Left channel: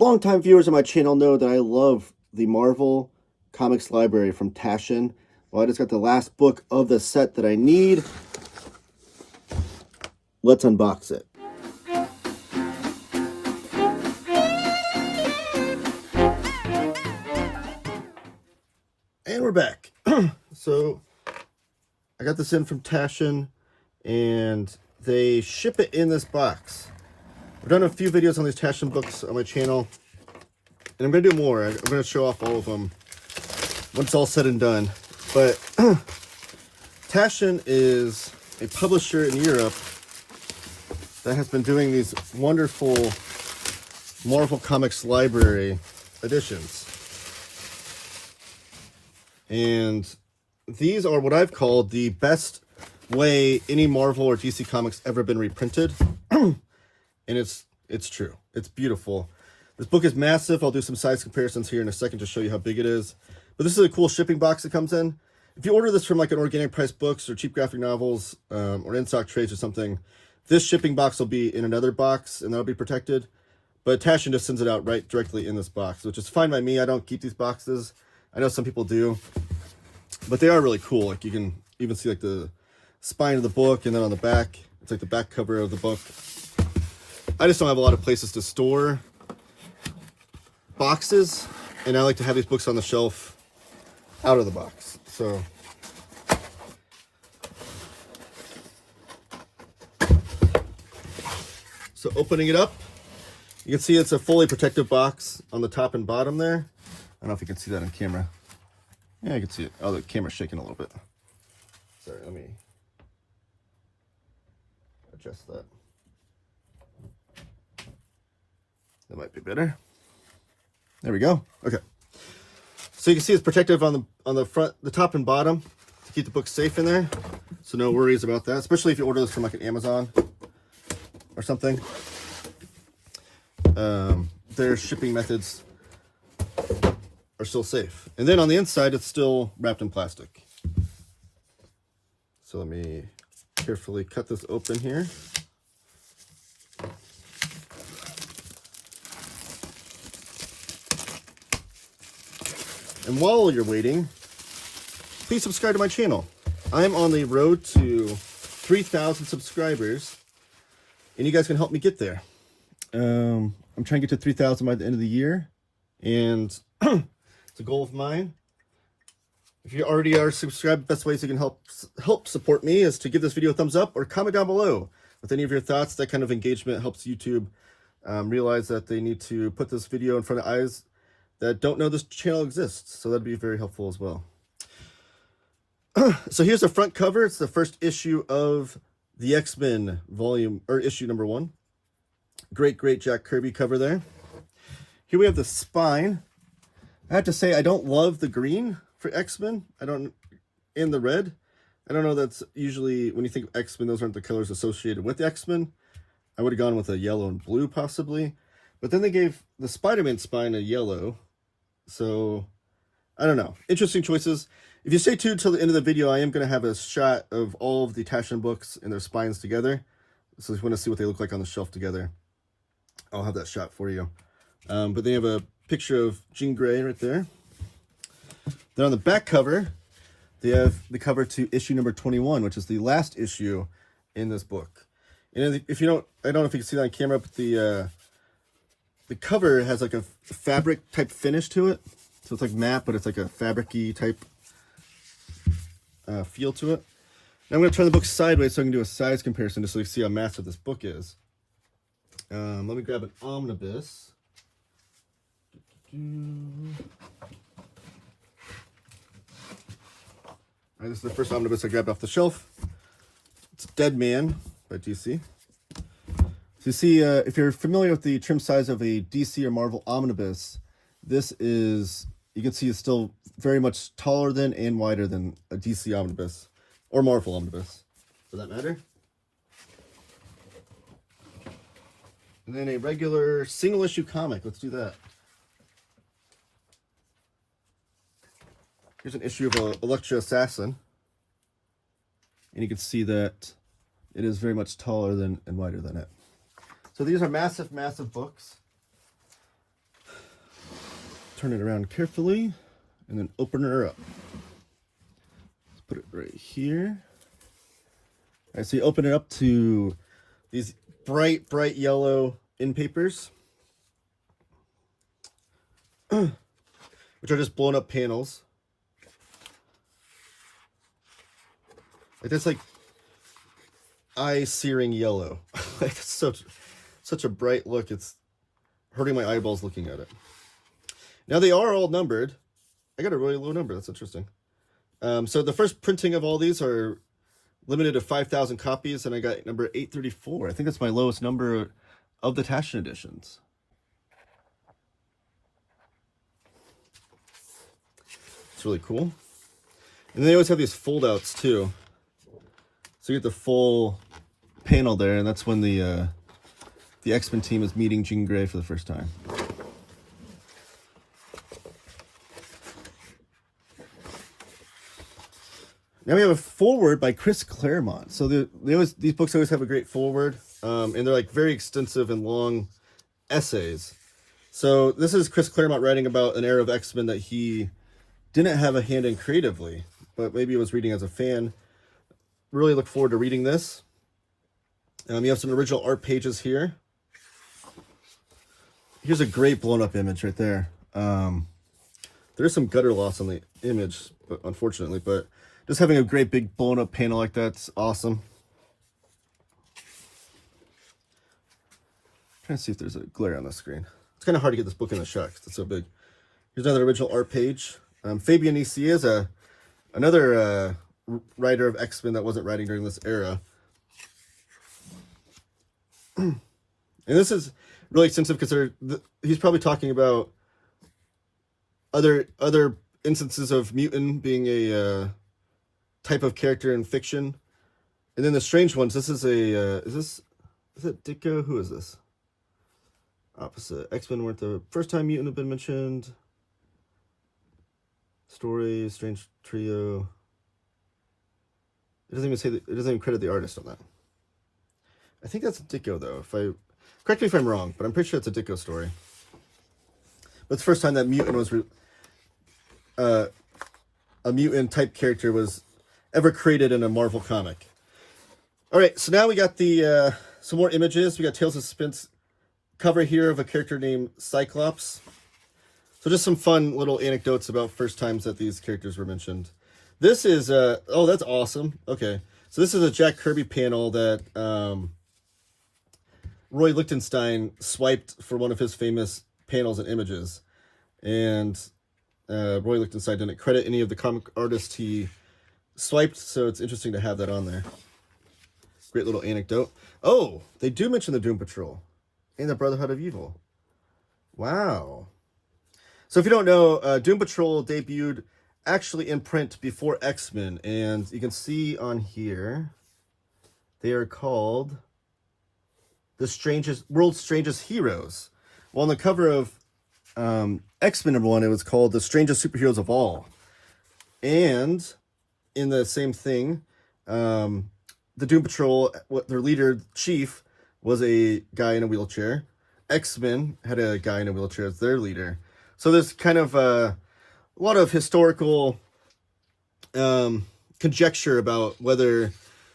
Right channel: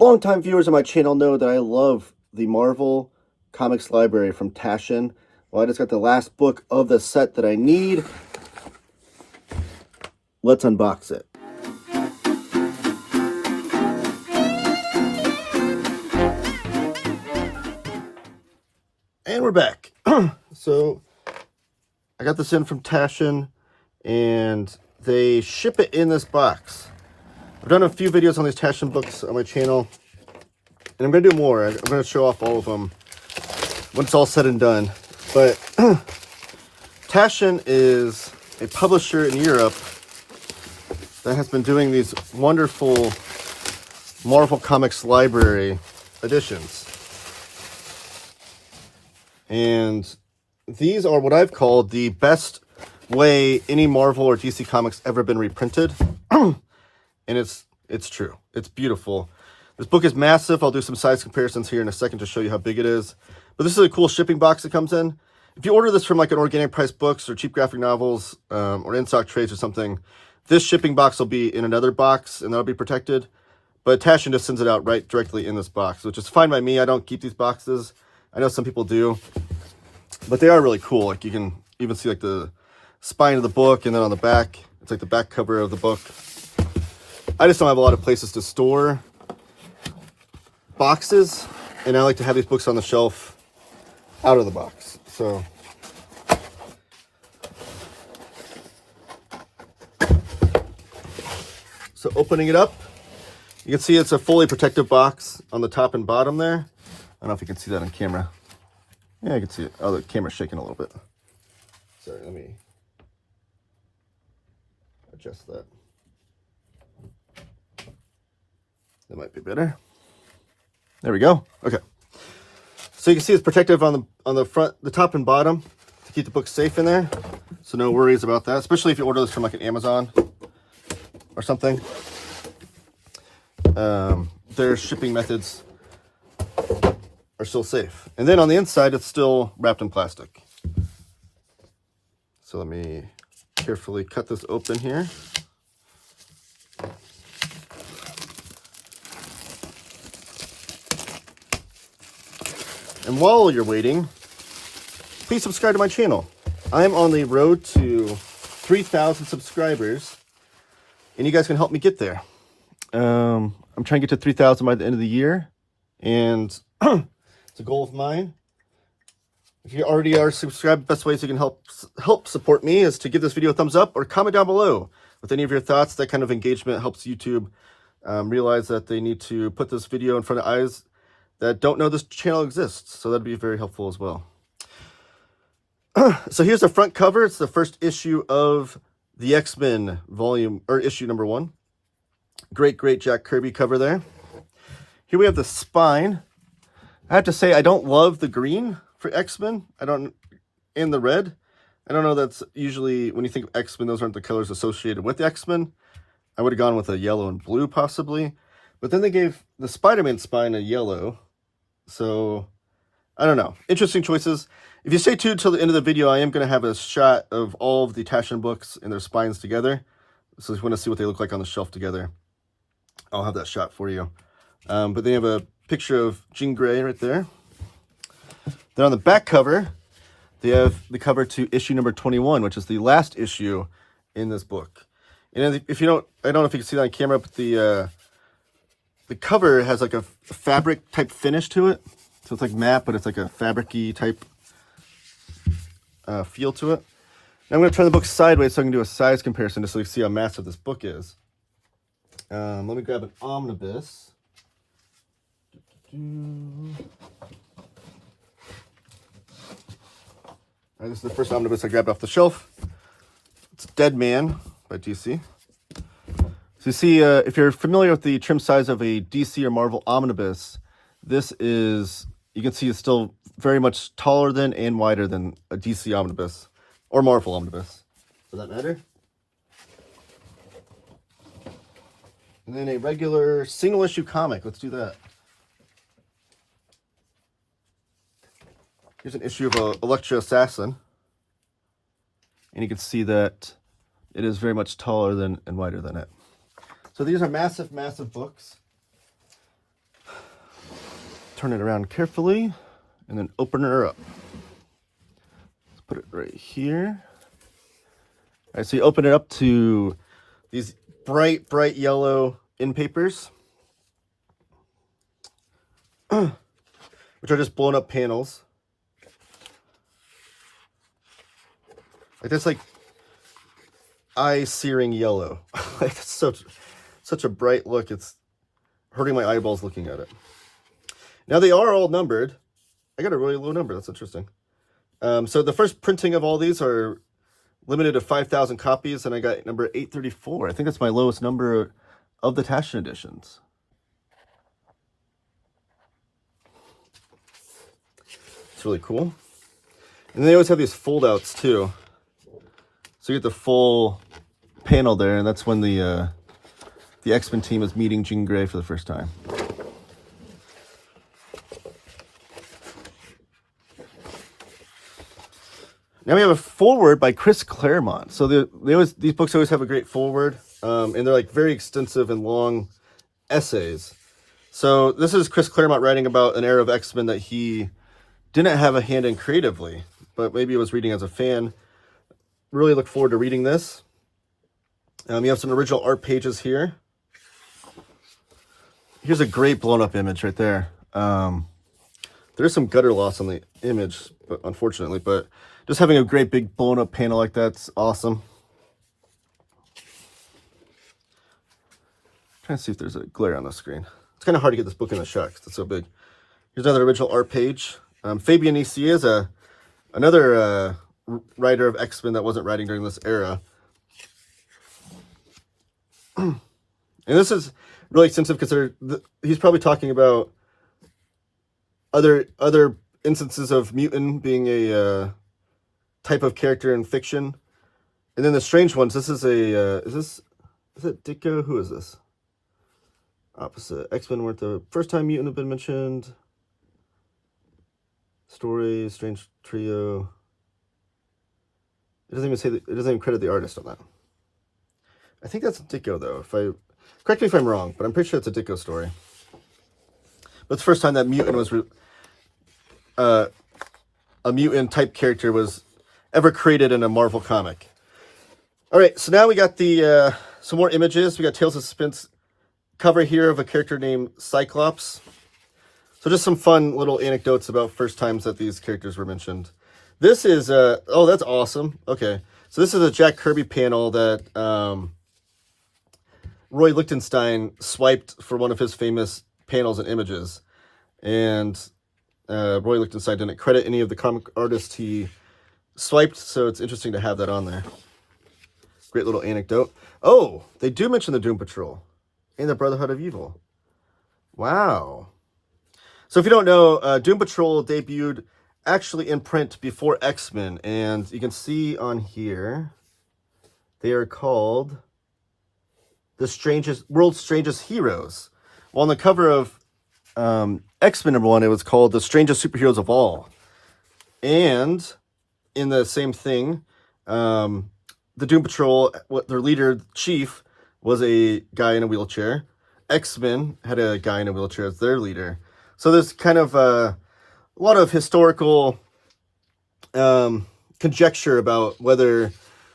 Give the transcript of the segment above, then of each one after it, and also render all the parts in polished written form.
Longtime viewers of my channel know that I love the Marvel Comics library from Taschen. Well, I just got the last book of the set that I need. Let's unbox it. And we're back. So I got this in from Taschen, and they ship it in this box. I've done a few videos on these Taschen books on my channel, and I'm going to do more. I'm going to show off all of them when it's all said and done. But Taschen is a publisher in Europe that has been doing these wonderful Marvel Comics library editions. And these are what I've called the best way any Marvel or DC comics ever been reprinted. And it's true. It's beautiful. This book is massive. I'll do some size comparisons here in a second to show you how big it is. But this is a cool shipping box it comes in. If you order this from like an Organic Price Books or Cheap Graphic Novels or in-stock trades or something, this shipping box will be in another box and that'll be protected. But Taschen just sends it out right directly in this box, which is fine by me. I don't keep these boxes. I know some people do, but they are really cool. Like you can even see like the spine of the book, and then on the back, it's like the back cover of the book. I just don't have a lot of places to store boxes, and I like to have these books on the shelf out of the box. So opening it up, you can see it's a fully protective box on the top and bottom there. I don't know if you can see that on camera. Yeah, I can see it. Oh, the camera's shaking a little bit. Sorry, let me adjust that. That might be better. There we go. Okay. So you can see it's protective on the front, the top and bottom to keep the book safe in there. So no worries about that, especially if you order this from like an Amazon or something. Their shipping methods are still safe. And then on the inside, it's still wrapped in plastic. So let me carefully cut this open here. And while you're waiting, please subscribe to my channel. I'm on the road to 3,000 subscribers, and you guys can help me get there. I'm trying to get to 3,000 by the end of the year, and it's a goal of mine. If you already are subscribed, the best ways you can help support me is to give this video a thumbs up or comment down below with any of your thoughts. That kind of engagement helps YouTube realize that they need to put this video in front of eyes that don't know this channel exists. So that'd be very helpful as well. So here's the front cover. It's the first issue of the X-Men volume, or issue number 1. Great Jack Kirby cover there. Here we have the spine. I have to say, I don't love the green for X-Men. And the red. I don't know, that's usually, when you think of X-Men, those aren't the colors associated with X-Men. I would have gone with a yellow and blue, possibly. But then they gave the Spider-Man spine a yellow. So, I don't know. Interesting choices. If you stay tuned till the end of the video, I am going to have a shot of all of the Taschen books and their spines together. So if you want to see what they look like on the shelf together, I'll have that shot for you. But they have a picture of Jean Grey right there. Then on the back cover, they have the cover to issue number 21, which is the last issue in this book. And if you don't, I don't know if you can see that on camera, but the cover has like a fabric type finish to it. So it's like matte, but it's like a fabric-y type feel to it. Now I'm going to turn the book sideways so I can do a size comparison just so you can see how massive this book is. Let me grab an omnibus. All right, this is the first omnibus I grabbed off the shelf. It's Dead Man by DC. So you see, if you're familiar with the trim size of a DC or Marvel omnibus, this is, you can see it's still very much taller than and wider than a DC omnibus, or Marvel omnibus, for that matter. And then a regular single issue comic. Let's do that. Here's an issue of Electra Assassin. And you can see that it is very much taller than and wider than it. So these are massive, massive books. turn it around carefully and then open her up. Let's put it right here. All right, so you open it up to these bright yellow end papers, which are just blown up panels. Like that's like eye-searing yellow. Like it's such a bright look. It's hurting my eyeballs looking at it. Now they are all numbered. I got a really low number. That's interesting. So the first printing of all these are limited to 5,000 copies, and I got number 834. I think that's my lowest number of the Taschen editions. It's really cool. And they always have these fold-outs too. So you get the full panel there, and that's when the X-Men team is meeting Jean Grey for the first time. Now we have a foreword by Chris Claremont. So these books always have a great foreword, and they're like very extensive and long essays. So this is Chris Claremont writing about an era of X-Men that he didn't have a hand in creatively, but maybe he was reading as a fan. Really look forward to reading this. You have some original art pages here. Here's a great blown up image right there. There's some gutter loss on the image, but unfortunately, but just having a great big blown up panel like that's awesome. Trying to see if there's a glare on the screen. It's kind of hard to get this book in the shot because it's so big. Here's another original art page. Fabian Icier is another writer of X-Men that wasn't writing during this era. And this is really extensive because he's probably talking about other instances of mutant being a type of character in fiction. And then the strange ones, this is is it Ditko? Who is this? Opposite. X-Men weren't the first time mutant have been mentioned. Story, strange trio. It doesn't even credit the artist on that. I think that's a Ditko though. Correct me if I'm wrong, but I'm pretty sure it's a Ditko story. But it's the first time that mutant was a mutant type character was ever created in a Marvel comic. All right, so now we got the some more images. We got Tales of Suspense cover here of a character named Cyclops. So just some fun little anecdotes about first times that these characters were mentioned. This is oh, that's awesome. Okay, so this is a Jack Kirby panel that Roy Lichtenstein swiped for one of his famous panels and images, and Roy Lichtenstein didn't credit any of the comic artists he swiped, so it's interesting to have that on there. Great little anecdote. Oh, they do mention the Doom Patrol and the Brotherhood of Evil. Wow. So if you don't know, Doom Patrol debuted actually in print before X-Men, and you can see on here they are called the World's Strangest Heroes. Well, on the cover of X-Men #1, it was called The Strangest Superheroes of All. And in the same thing, the Doom Patrol, their leader, Chief, was a guy in a wheelchair. X-Men had a guy in a wheelchair as their leader. So there's kind of a lot of historical conjecture about whether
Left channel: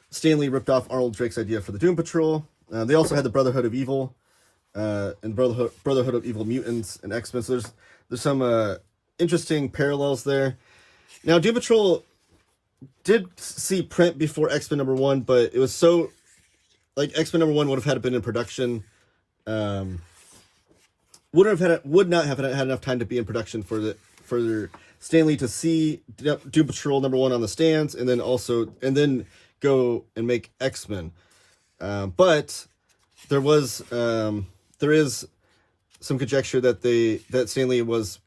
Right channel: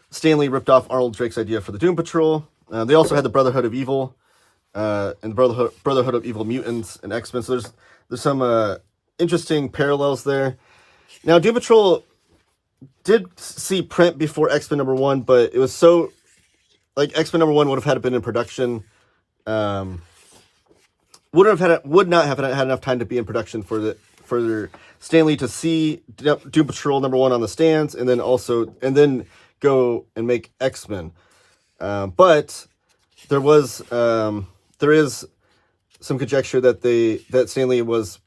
Stan Lee ripped off Arnold Drake's idea for the Doom Patrol. They also had the Brotherhood of Evil and the Brotherhood of Evil Mutants and X-Men. So there's some interesting parallels there. Now, Doom Patrol did see print before X-Men #1, but it was so, like, X-Men #1 would have had been in production. Would not have had enough time to be in production for Stan Lee to see Doom Patrol #1 on the stands, and then go and make X-Men. But there is some conjecture that Stan Lee was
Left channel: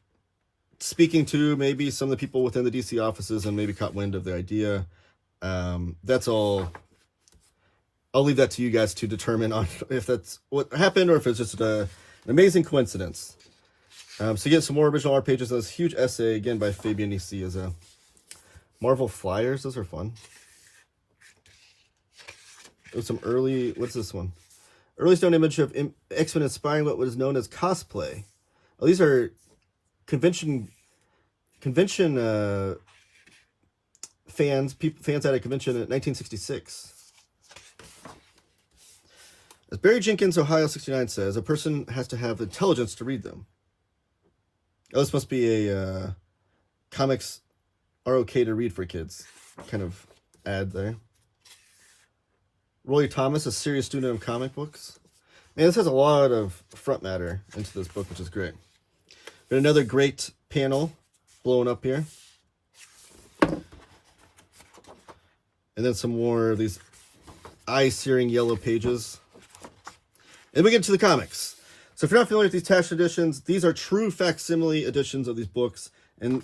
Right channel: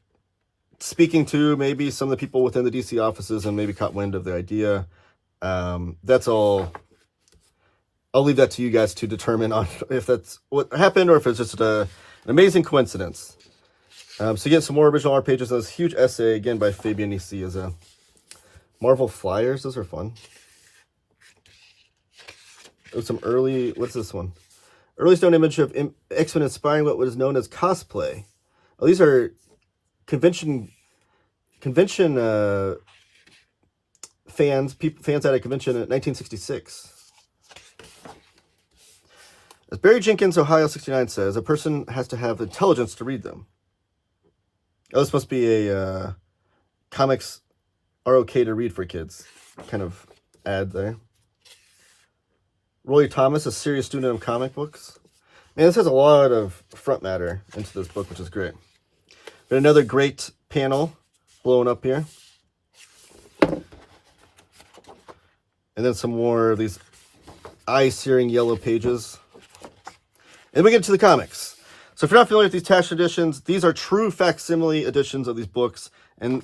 speaking to maybe some of the people within the DC offices and maybe caught wind of the idea. That's all. I'll leave that to you guys to determine on if that's what happened or if it's just an amazing coincidence. So you get some more original art pages. This huge essay, again, by Fabian Icier, as a Marvel Flyers. Those are fun. There's some early, what's this one? Early stone image of X-Men inspiring what was known as cosplay. Oh, these are convention fans at a convention in 1966. As Barry Jenkins, Ohio 69 says, a person has to have intelligence to read them. Oh, this must be a comics are okay to read for kids kind of ad there. Roy Thomas, a serious student of comic books. Man, this has a lot of front matter into this book, which is great. But another great panel blowing up here. And then some more of these eye-searing yellow pages. And we get to the comics. So if you're not familiar with these Taschen editions, these are true facsimile editions of these books. And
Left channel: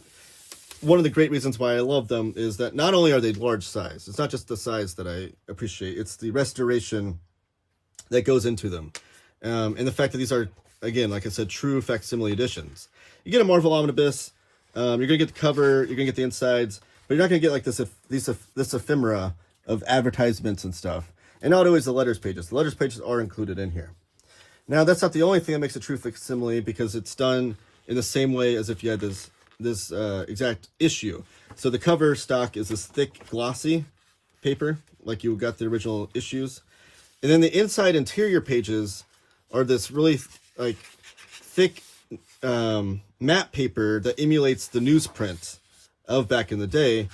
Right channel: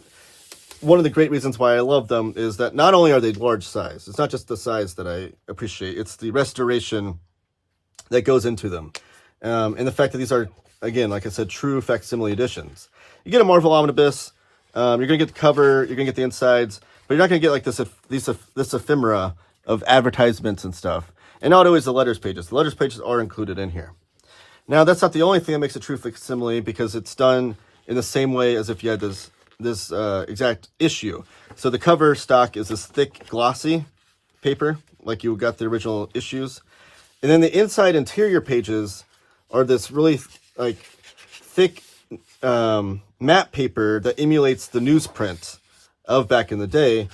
one of the great reasons why I love them is that not only are they large size, it's not just the size that I appreciate, it's the restoration that goes into them. And the fact that these are, again, like I said, true facsimile editions. You get a Marvel Omnibus, you're going to get the cover, you're going to get the insides, but you're not going to get like this ephemera of advertisements and stuff. And not always the letters pages. The letters pages are included in here. Now, that's not the only thing that makes a true facsimile, because it's done in the same way as if you had this exact issue. So the cover stock is this thick, glossy paper, like you got the original issues. And then the inside interior pages are this really like thick matte paper that emulates the newsprint of back in the day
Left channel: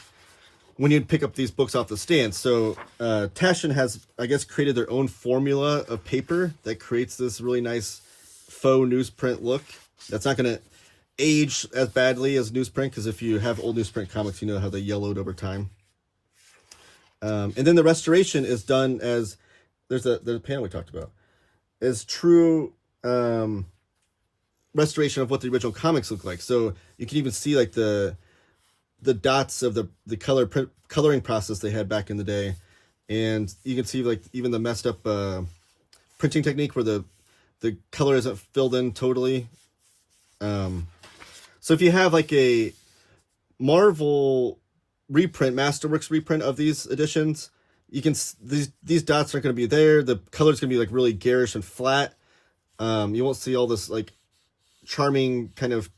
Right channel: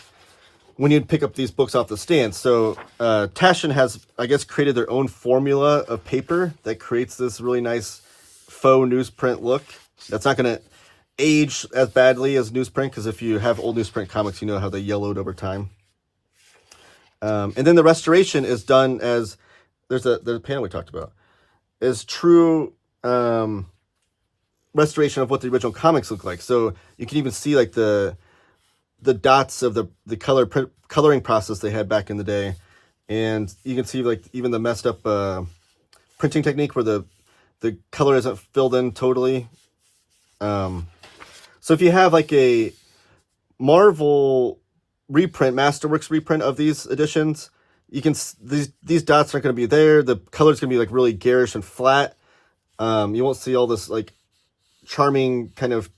when you'd pick up these books off the stand. So Taschen has, I guess, created their own formula of paper that creates this really nice faux newsprint look. That's not going to age as badly as newsprint, because if you have old newsprint comics, you know how they yellowed over time. And then the restoration is done as, there's a panel we talked about, is true restoration of what the original comics look like. So you can even see like the dots of the coloring process they had back in the day, and you can see like even the messed up printing technique where the color isn't filled in totally. So if you have like a Marvel reprint, Masterworks reprint of these editions, you can these dots aren't going to be there. The color's going to be like really garish and flat. You won't see all this like charming kind of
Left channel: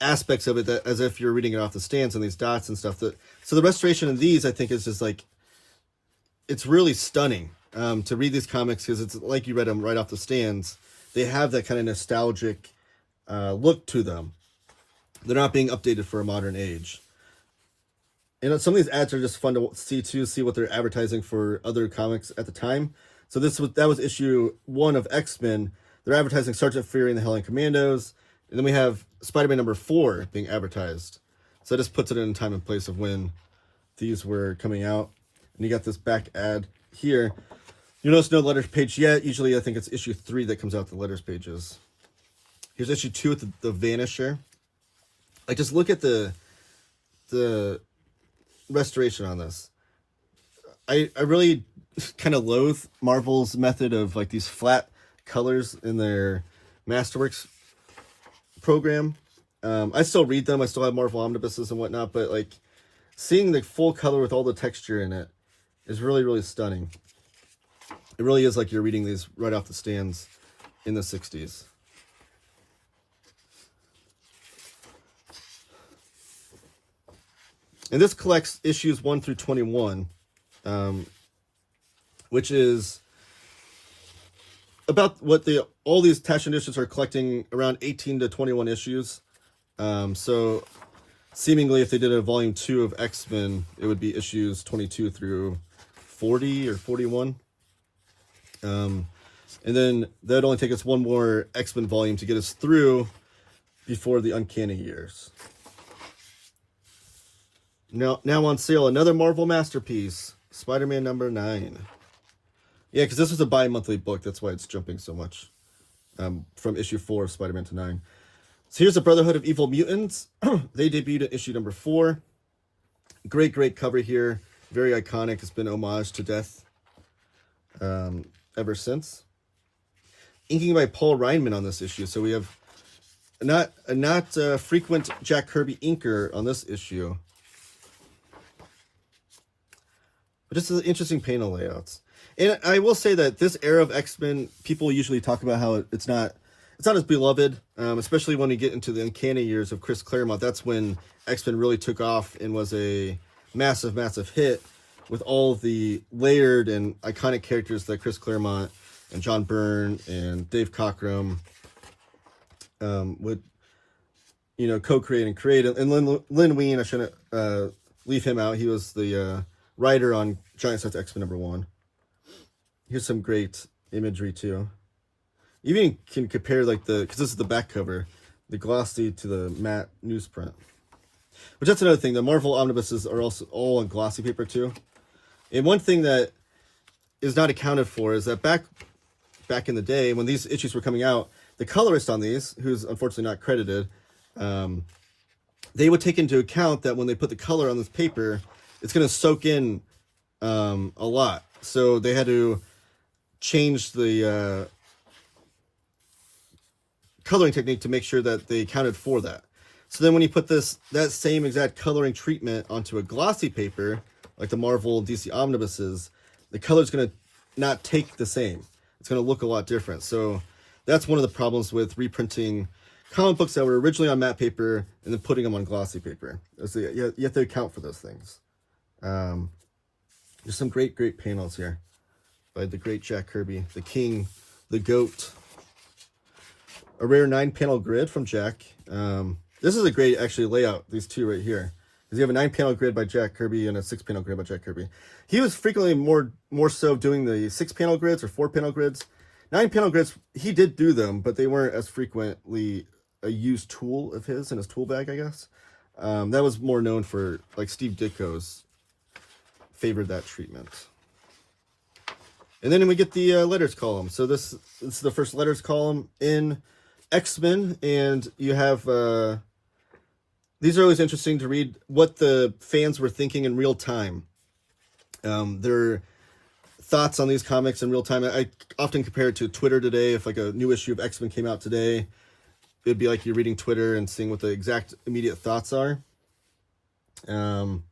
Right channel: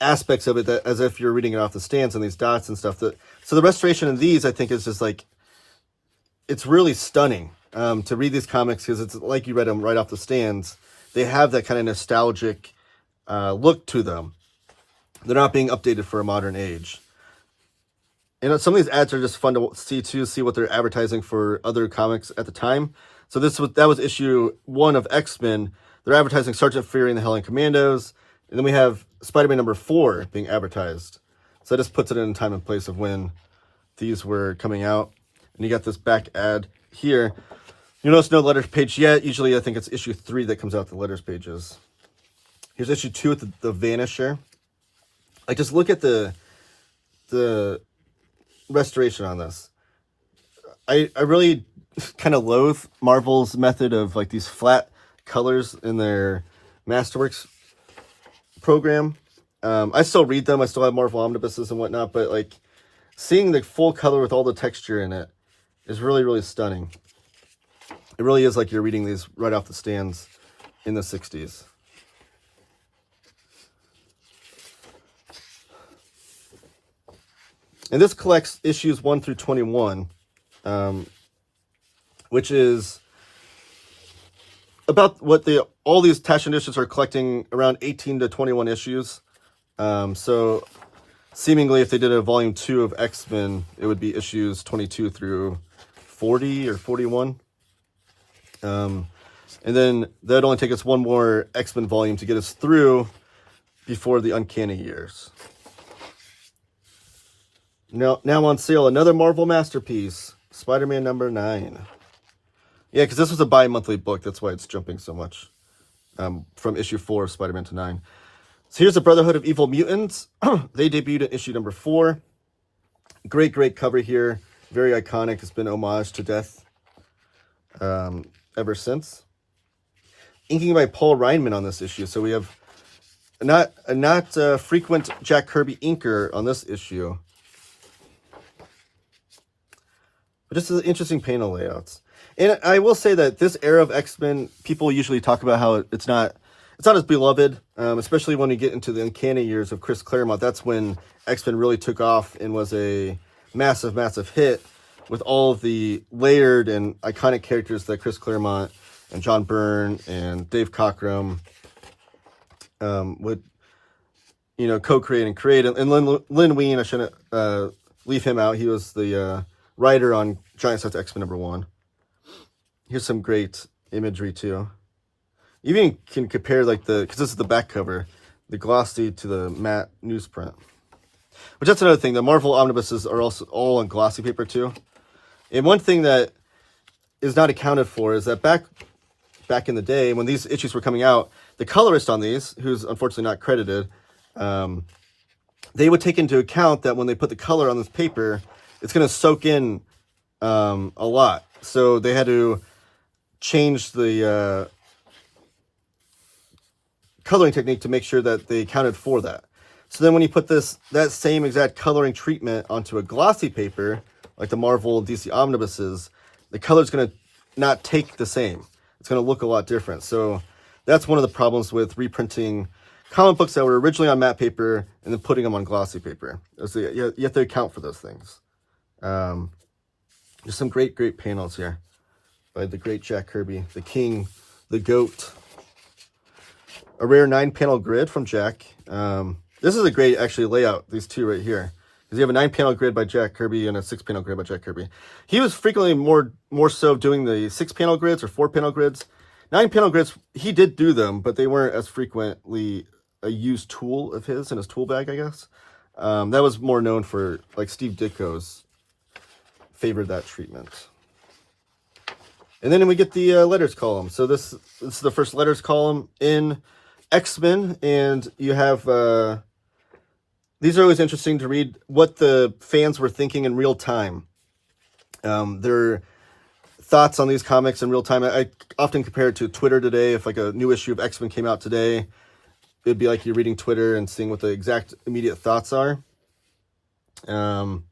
aspects of it that, as if you're reading it off the stands, and these dots and stuff. So the restoration of these, I think, is just like, it's really stunning to read these comics, because it's like you read them right off the stands. They have that kind of nostalgic look to them. They're not being updated for a modern age. And some of these ads are just fun to see what they're advertising for other comics at the time. So that was issue 1 of X-Men. They're advertising Sergeant Fury and the Howling Commandos. And then we have Spider-Man number 4 being advertised. So that just puts it in time and place of when these were coming out. And you got this back ad here. You notice no letters page yet. Usually I think it's issue 3 that comes out the letters pages. Here's issue 2 with the Vanisher. Like, just look at the restoration on this. I really kind of loathe Marvel's method of like these flat colors in their Masterworks program. I still read them. I still have Marvel Omnibuses and whatnot, but like seeing the full color with all the texture in it is really, really stunning. It really is like you're reading these right off the stands in the 60s. And this collects issues 1 through 21, which is about what all these Taschen editions are collecting, around 18 to 21 issues. So seemingly if they did a volume 2 of X-Men, it would be issues 22 through 40 or 41. And then that'd only take us one more X-Men volume to get us through before the Uncanny Years. Now on sale, another Marvel masterpiece, Spider-Man number 9. Yeah, because this was a bi-monthly book. That's why it's jumping so much from issue 4 of Spider-Man to 9. So here's the Brotherhood of Evil Mutants. They debuted in issue number 4. Great, great cover here. Very iconic. It's been homaged to death ever since. Inking by Paul Reinman on this issue. So we have not frequent Jack Kirby inker on this issue. But this is interesting panel layouts. And I will say that this era of X-Men, people usually talk about how it's not it's not as beloved, especially when you get into the uncanny years of Chris Claremont. That's when X-Men really took off and was a massive, massive hit with all of the layered and iconic characters that Chris Claremont and John Byrne and Dave Cockrum would, you know, co-create and create. And Lin Wein, I shouldn't leave him out. He was the writer on Giant Size X-Men #1. Here's some great imagery too. You even can compare like because this is the back cover, the glossy to the matte newsprint. Which that's another thing. The Marvel omnibuses are also all on glossy paper too. And one thing that is not accounted for is that back in the day when these issues were coming out, the colorist on these, who's unfortunately not credited, they would take into account that when they put the color on this paper, it's going to soak in a lot. So they had to change the coloring technique to make sure that they accounted for that. So then when you put that same exact coloring treatment onto a glossy paper, like the Marvel DC omnibuses, the color's going to not take the same. It's going to look a lot different. So that's one of the problems with reprinting comic books that were originally on matte paper and then putting them on glossy paper. So you have to account for those things. There's some great panels here by the great Jack Kirby, the king, the goat. A rare 9-panel grid from Jack. This is a great, actually, layout, these two right here. Because you have a 9-panel grid by Jack Kirby and a 6-panel grid by Jack Kirby. He was frequently more so doing the 6-panel grids or 4-panel grids. 9-panel grids, he did do them, but they weren't as frequently a used tool of his in his tool bag, I guess. That was more known for, like, Steve Ditko's favored that treatment. And then we get the letters column. So this is the first letters column in X-Men, and you have these are always interesting to read what the fans were thinking in real time. Their thoughts on these comics in real time. I often compare it to Twitter today. If like a new issue of X-Men came out today, it'd be like you're reading Twitter and seeing what the exact immediate thoughts are. And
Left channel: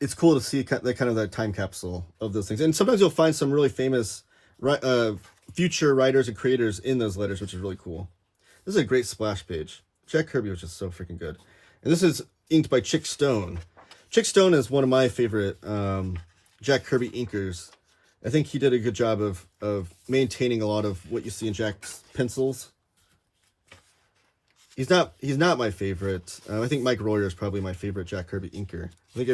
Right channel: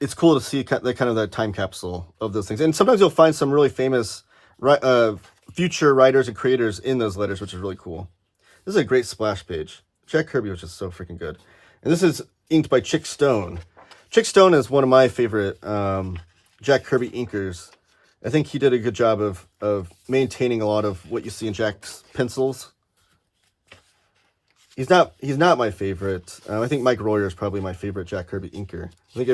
it's cool to see that time capsule of those things. And sometimes you'll find some really famous future writers and creators in those letters, which is really cool. This is a great splash page. Jack Kirby was just so freaking good. And this is inked by Chick Stone. Chick Stone is one of my favorite Jack Kirby inkers. I think he did a good job of maintaining a lot of what you see in Jack's pencils. He's not my favorite. I think Mike Royer is probably my favorite Jack Kirby inker. I think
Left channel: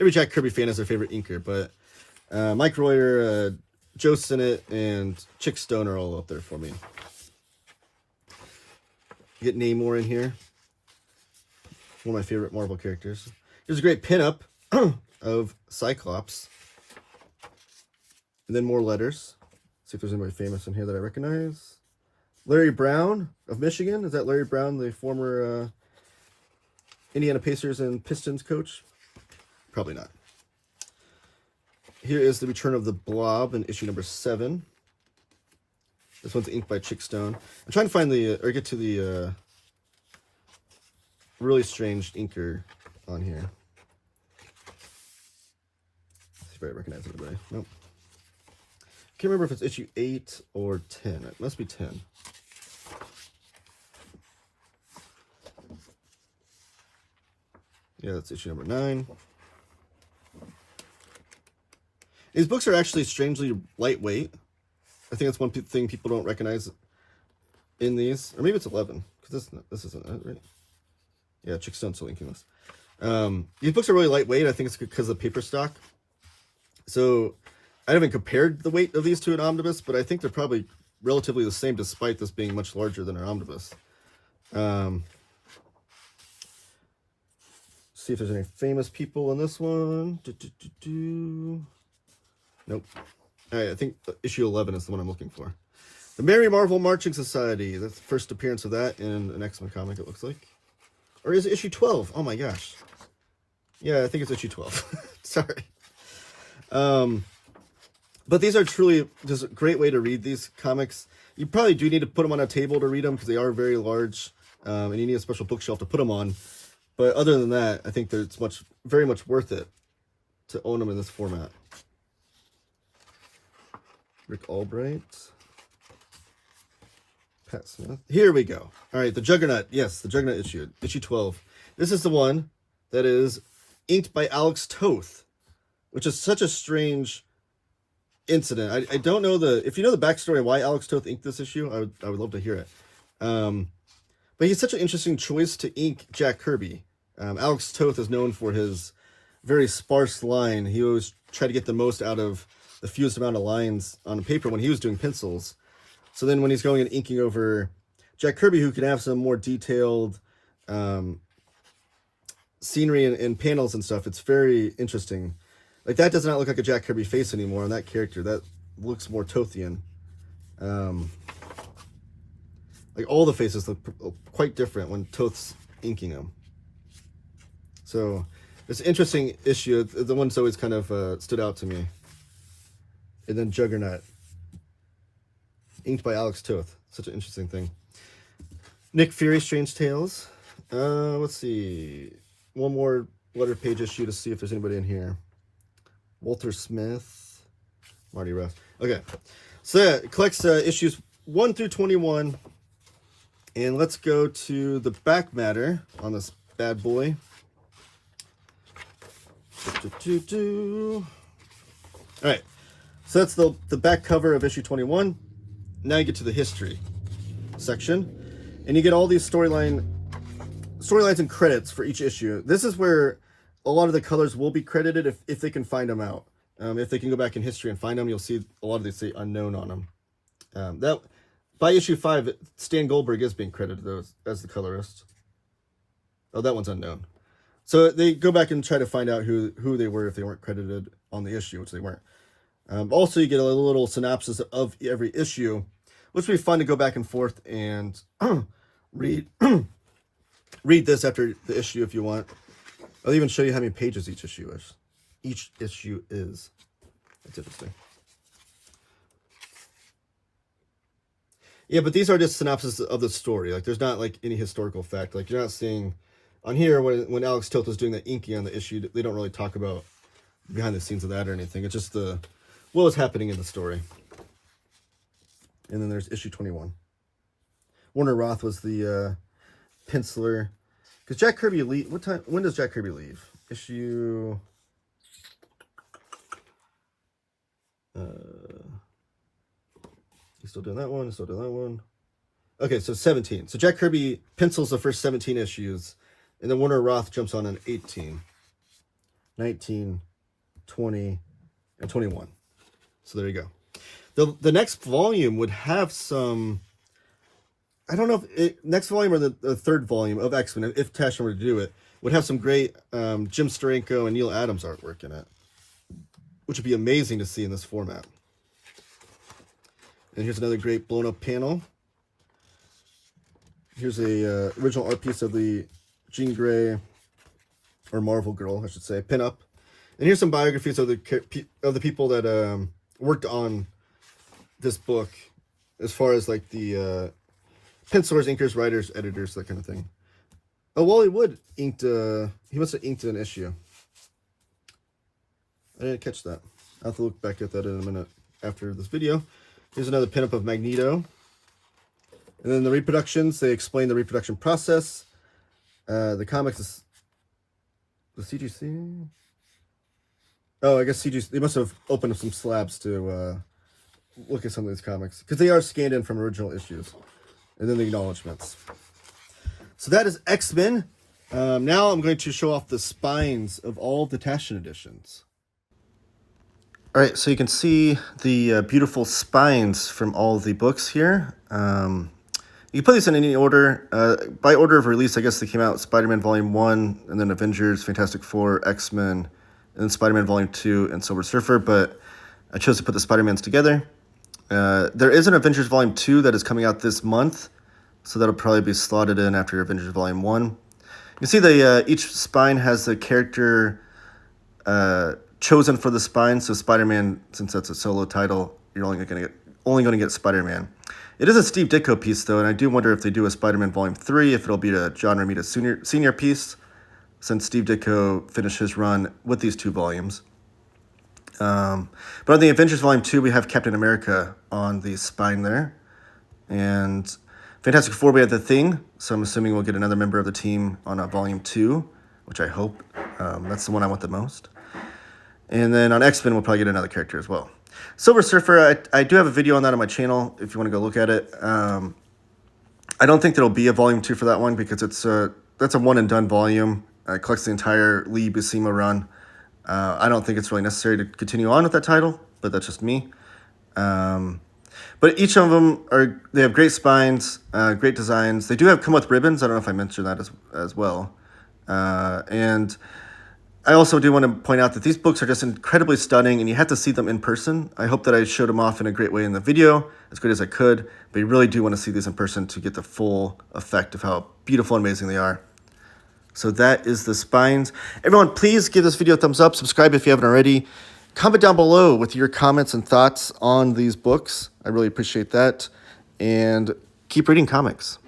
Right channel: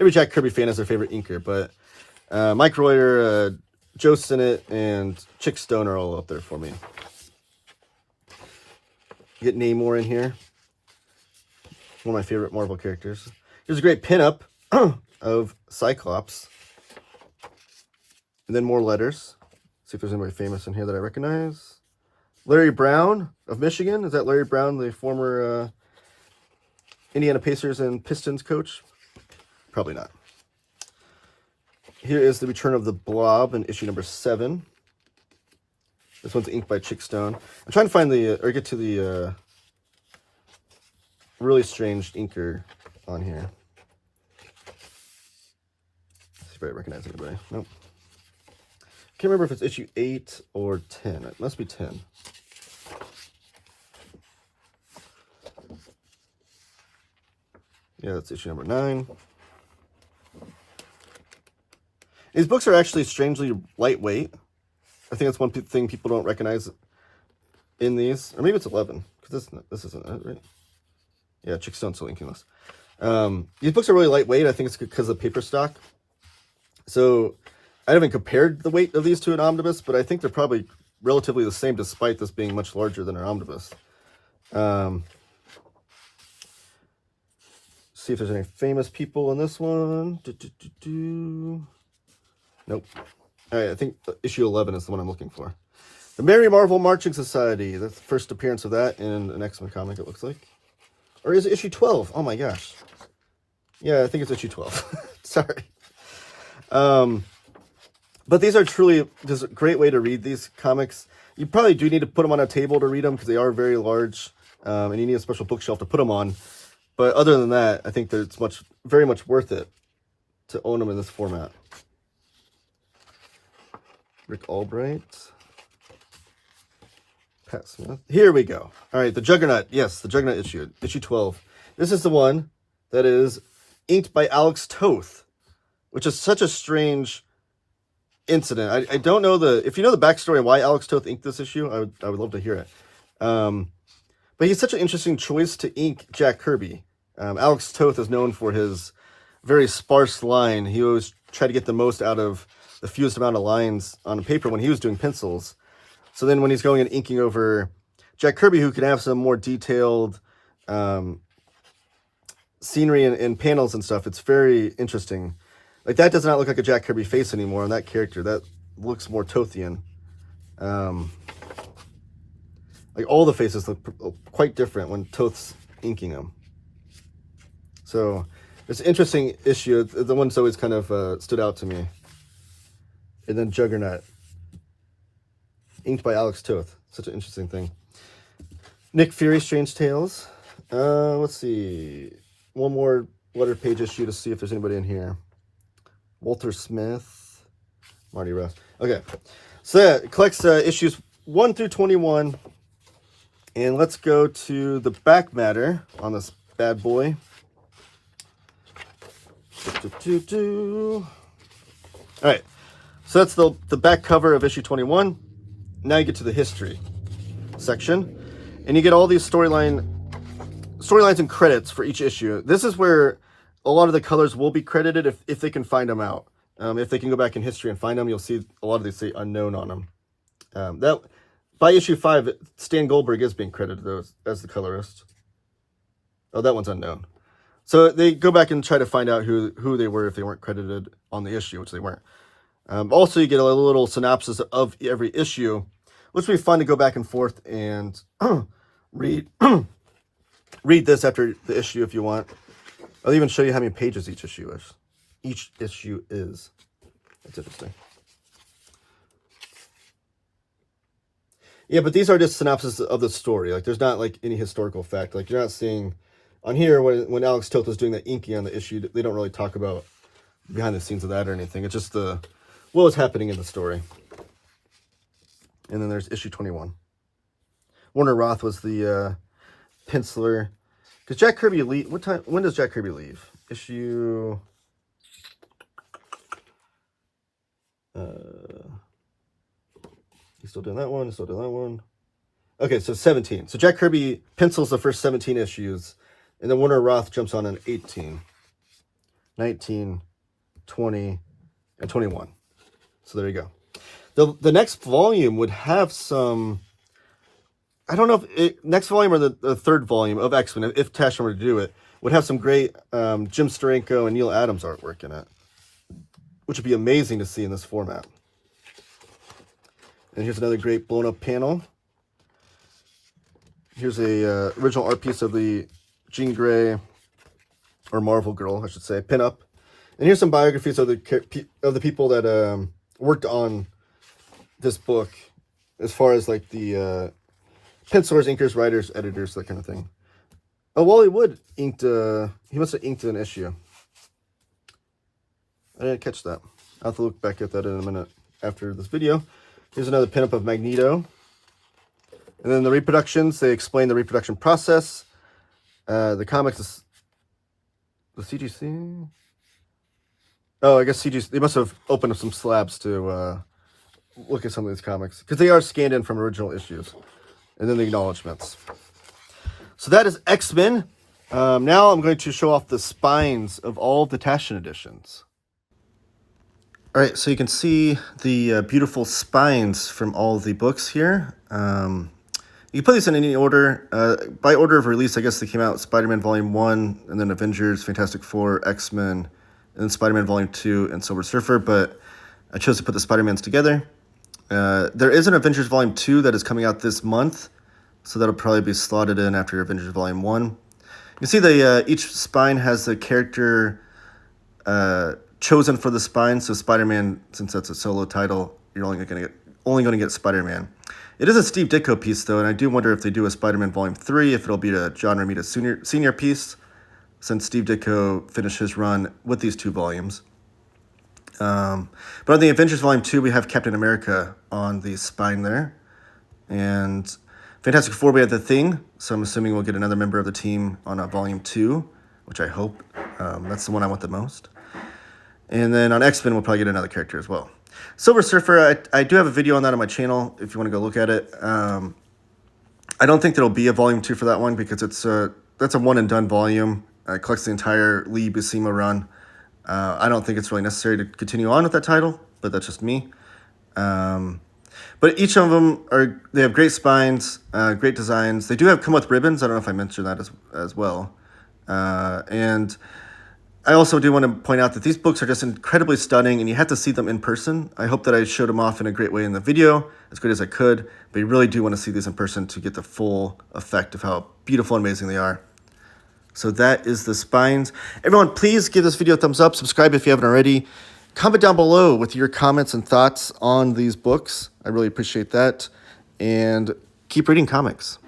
every Jack Kirby fan has their favorite inker, but Mike Royer, Joe Sinnott, and Chick Stone are all up there for me. Get Namor in here. One of my favorite Marvel characters. Here's a great pinup of Cyclops. And then more letters. See if there's anybody famous in here that I recognize. Larry Brown of Michigan. Is that Larry Brown, the former Indiana Pacers and Pistons coach? Probably not. Here is the return of the Blob in issue number 7. This one's inked by Chick Stone. I'm trying to find get to the really strange inker on here. Let's see if I recognize anybody. Nope. Can't remember if it's issue 8 or 10. It must be 10. Yeah, that's issue number 9. These books are actually strangely lightweight. I think that's one thing people don't recognize in these. Or maybe it's 11, because this isn't it, right? Yeah, Chick Stone's still inking this. These books are really lightweight. I think it's because of paper stock. So I haven't compared the weight of these to an omnibus, but I think they're probably relatively the same, despite this being much larger than an omnibus. See if there's any famous people in this one. Nope. All right, I think issue 11 is the one I'm looking for. The Merry Marvel Marching Society. That's the first appearance of that in an X-Men comic, it looks like. Or is it issue 12? Oh my gosh. Yeah, I think it's issue 12. Sorry. But these are truly just a great way to read these comics. You probably do need to put them on a table to read them because they are very large, and you need a special bookshelf to put them on. But other than that, I think that it's very much worth it to own them in this format. Rick Albright. Pat Smith. Here we go. All right, the Juggernaut. Yes, the Juggernaut issue 12. This is the one that is inked by Alex Toth, which is such a strange incident. I don't know if you know the backstory of why Alex Toth inked this issue, I would love to hear it. But he's such an interesting choice to ink Jack Kirby. Alex Toth is known for his very sparse line. He always tried to get the most out of the fewest amount of lines on paper when he was doing pencils. So then when he's going and inking over Jack Kirby, who can have some more detailed scenery and panels and stuff, it's very interesting. Like, that does not look like a Jack Kirby face anymore on that character. That looks more Tothian. Like, all the faces look quite different when Toth's inking them. So, it's an interesting issue. The one's always kind of stood out to me. And then Juggernaut, inked by Alex Toth. Such an interesting thing. Nick Fury, Strange Tales. Let's see. One more letter page issue to see if there's anybody in here. Walter Smith, Marty Russ. Okay, so that collects issues 1 through 21. And let's go to the back matter on this bad boy. All right, so that's the back cover of issue 21. Now you get to the history section, and you get all these storylines and credits for each issue. This is where a lot of the colors will be credited if they can find them out. If they can go back in history and find them, you'll see a lot of these say unknown on them. That by issue 5, Stan Goldberg is being credited as the colorist. Oh, that one's unknown. So they go back and try to find out who they were if they weren't credited on the issue, which they weren't. Also, you get a little synopsis of every issue, which would be fun to go back and forth and read this after the issue if you want. I'll even show you how many pages each issue is. That's interesting. Yeah, but these are just synopsis of the story. Like, there's not like any historical fact. Like, you're not seeing on here when Alex Toth was doing the inking on the issue, they don't really talk about behind the scenes of that or anything. It's just what was happening in the story. And then there's issue 21. Warner Roth was the penciler. Because Jack Kirby when does Jack Kirby leave? Issue he's still doing that one, Okay, so 17. So Jack Kirby pencils the first 17 issues, and then Warner Roth jumps on 18, 19, 20, and 21. So there you go. The next volume would have some, I don't know if next volume or the third volume of X-Men, if Taschen were to do it, would have some great Jim Steranko and Neil Adams artwork in it, which would be amazing to see in this format. And here's another great blown up panel. Here's a original art piece of the Jean Grey, or Marvel Girl, I should say, pinup. And here's some biographies of the people that worked on this book, as far as like the pencilers, inkers, writers, editors, that kind of thing. Oh, Wally Wood inked. He must have inked an issue. I didn't catch that. I'll have to look back at that in a minute after this video. Here's another pinup of Magneto. And then the reproductions, they explain the reproduction process. The comics is the CGC. Oh, I guess CGC, they must have opened up some slabs to look at some of these comics, because they are scanned in from original issues. And then the acknowledgments. So that is X-Men. Now I'm going to show off the spines of all the Taschen editions. All right, so you can see the beautiful spines from all the books here. You can put these in any order. By order of release, I guess they came out Spider-Man Volume 1, and then Avengers, Fantastic Four, X-Men, and then Spider-Man Volume 2, and Silver Surfer, but I chose to put the Spider-Mans together. There is an Avengers Volume 2 that is coming out this month, so that'll probably be slotted in after Avengers Volume 1. You can see each spine has the character chosen for the spine. So Spider-Man, since that's a solo title, you're only going to get Spider-Man. It is a Steve Ditko piece, though, and I do wonder if they do a Spider-Man Volume 3, if it'll be a John Romita senior piece, since Steve Ditko finished his run with these 2 volumes. But on the Avengers Volume 2, we have Captain America on the spine there. And Fantastic Four, we have The Thing, so I'm assuming we'll get another member of the team on Volume 2, which I hope. That's the one I want the most. And then on X-Men, we'll probably get another character as well. Silver Surfer, I do have a video on that on my channel if you want to go look at it. I don't think there'll be a Volume 2 for that one because that's a one-and-done volume. It collects the entire Lee Buscema run. I don't think it's really necessary to continue on with that title, but that's just me. But each of them they have great spines, great designs. They do come with ribbons. I don't know if I mentioned that as well. And I also do want to point out that these books are just incredibly stunning, and you have to see them in person. I hope that I showed them off in a great way in the video, as good as I could, but you really do want to see these in person to get the full effect of how beautiful and amazing they are. So that is the spines. Everyone, please give this video a thumbs up. Subscribe if you haven't already. Comment down below with your comments and thoughts on these books. I really appreciate that. And keep reading comics.